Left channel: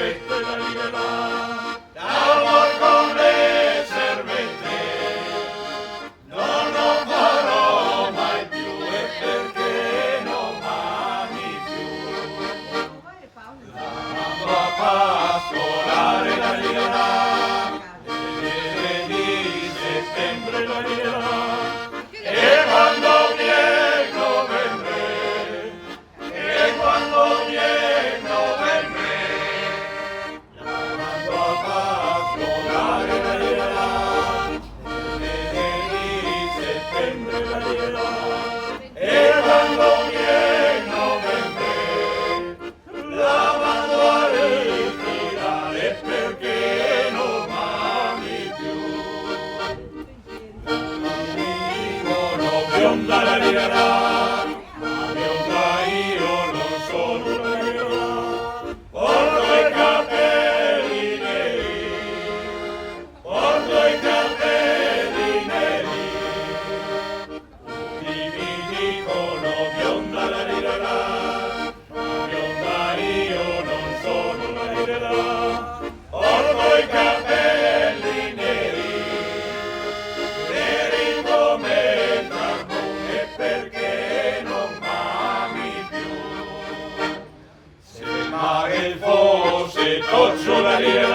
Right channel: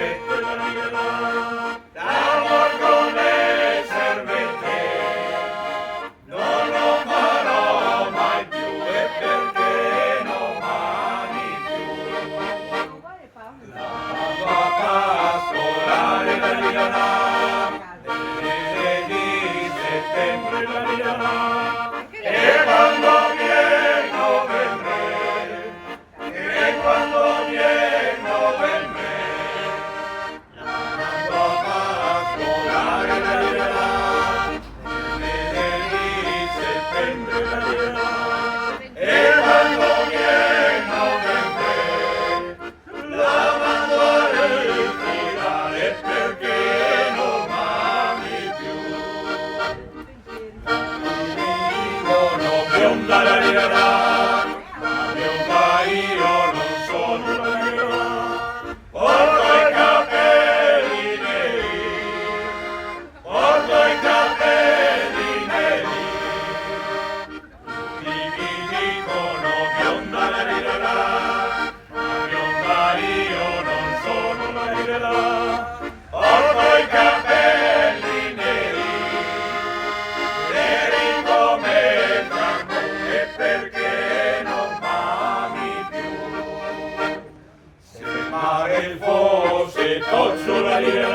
questo è la libertà. D'amor con le servette non lo farò mai più, e perché non m'ami più. La pascolare la libertà, di settembre la libertà, e quando viene novembre, e quando viene novembre, la pascolare la libertà, di settembre la libertà, e quando viene novembre, la mando a ritirare perché non m'ami più. Dicono bionda la libertà, ma bionda io non sono la libertà. Porto i capelli neri, porto i capelli neri. Tutti mi dicono bionda la libertà, ma bionda io non sono la libertà. Porto i capelli neri, neri come il carbone, perché non m'ami più. Se il mare fosse toccio la libertà,